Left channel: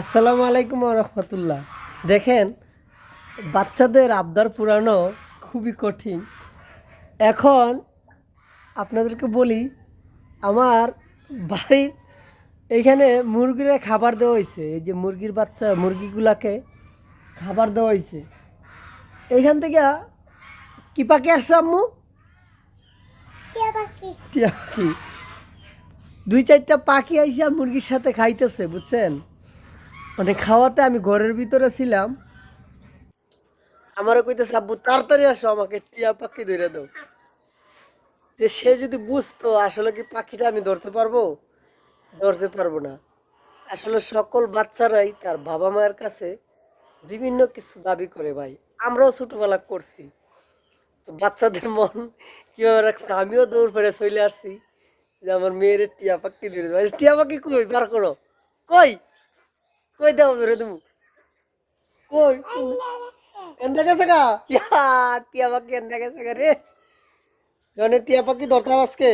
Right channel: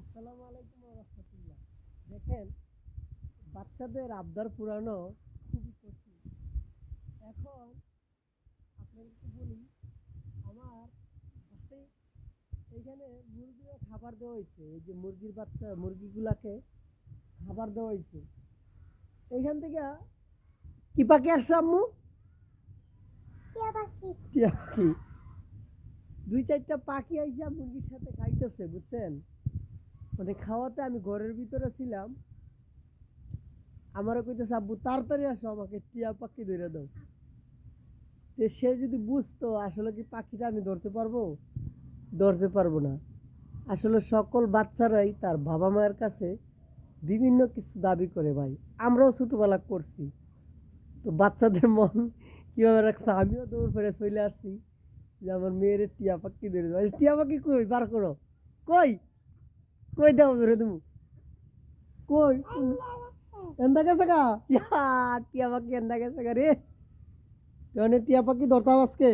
আসসালামু আলাইকুম রহমতুল্লাহ। দেখেন, বাচ্চাদের আবদার পুরানো খুবই কঠিন। এখন আপনাদেরকে বলি, আমার বাড়ির এইখানে মুরগিরা খাবার দেওয়া হয়েছে। এই যে মুরগির বাচ্চা মুরগিগুলাকে খাবার দেওয়া হয়েছে। এইখান থেকে কি পাখি আসছে আম্মু? টিয়া পাখি। দুই চারটা পাখি আইসা মুরগির সাথে খাইতেছে, বুঝছেন? মানে খাওয়াতে আমি ঘরের ভিতরে ছিলাম, আমারও কইতেছে আব্বু তাড়াতাড়ি আসো, আমাকে টিয়া পাখি ধরে দাও। যে সে যদি বুঝতো আসলে কি পাখিটা আমি ধরতে পারবো না। আসলে সকল বাচ্চারাই তার বাবা মায়ের কাছে বিভিন্ন কিছু দাবি করে ভাই। আমরাও ছোটোবেলা করছি। তো বাচ্চাদের মন কীভাবে রাখছে, আমিও দৌড় ফেরে চলে আসছি যে আমার মেয়ের টিয়া পাখি ধরে দেবো। টিয়া পাখি কই বার করো, কই কই দাও ধরে দেবো, কই এনতে গেছে গা টিয়া পাখি এনতে গেছে গা রে। মানে টিয়া পাখি ধরতাম আজকে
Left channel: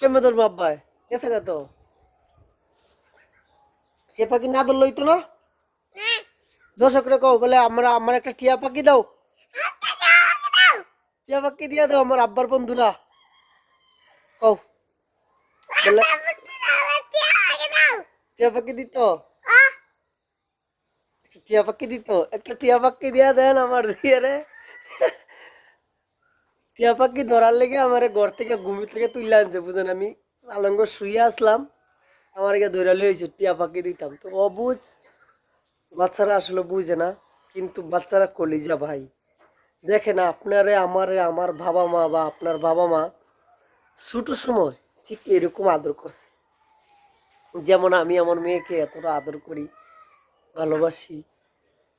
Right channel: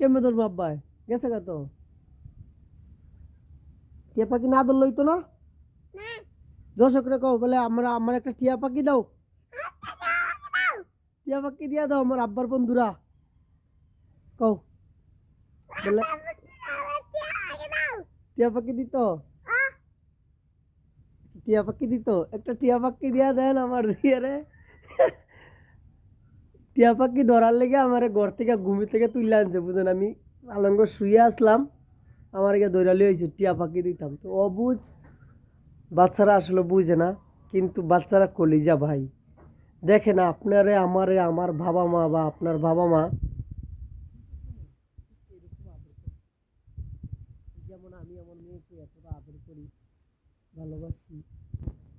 কেমন ধরবো আব্বাই গেছে গা তো। টিয়া পাখি না ধরলই তো না, দর্শকরা কও বলে আমরা আমার একটা টিয়া পাখি দাও, টিয়া পাখি দিয়া দাও আমার আব্বার বন্ধুরা, কও বলে টিয়া পাখি দিত, টিয়া পাখি দিত, একটা টিয়া পাখি দিয়া দেন আমার দিয়ে রে। টিয়া পাখি ধরার লেগে আমার ঘর থেকে ঘুমি থেকে তুলে আনছে, বুঝেন? আমি আলঙ্গ শুয়ে আসলাম, আমার একে দৌড়ালি হয়েছে টিয়া পাখি দিতাম। তো অবুঝ বাচ্চারা আসলে বুঝে না, কিন্তু বাচ্চারা কলিজা ভাই। দেখেন, আপনারে আমারে আমার বাবা মা বা আপনার বাবা মা ছোট সময় ঠিক এরকম আদর করছে, যেমন আমি আমার মেয়েকে এতটা আদর করি, ভালোবাসি,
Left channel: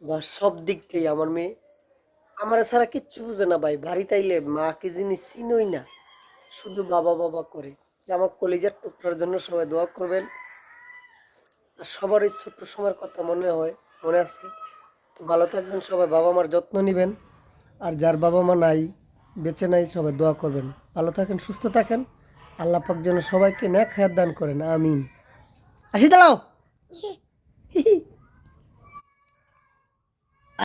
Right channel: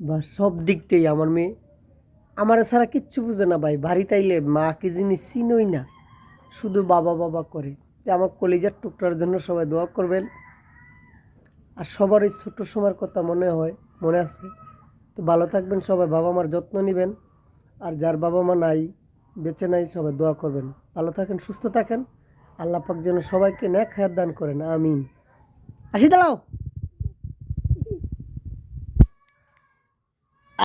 বা সব দিক থেকে আমার মেয়ে আমার ছাড়া কিচ্ছু বুঝে না ভাই। বাড়িতে আইলে মা কি জিনিস চিনই না, শুধু বাবা বাবা করে। আমার কলিজার টুকরার জন্য সবাই দোয়া করবেন। আর সবার এই ছোট্ট সময়ের কথা মনে আছে। তো ভালো থাকবেন সবাই, বাবা মার যত্ন নেবেন। আর যার বাবা মা নাই, বেঁচে নাই, সবাই দোয়া করবেন। ভালো থাকেন, সুস্থ থাকেন। আল্লাহ পাক যেন সবাইকে নেক হায়াত দান করেন, আমিন। আসি দাঁড়াও।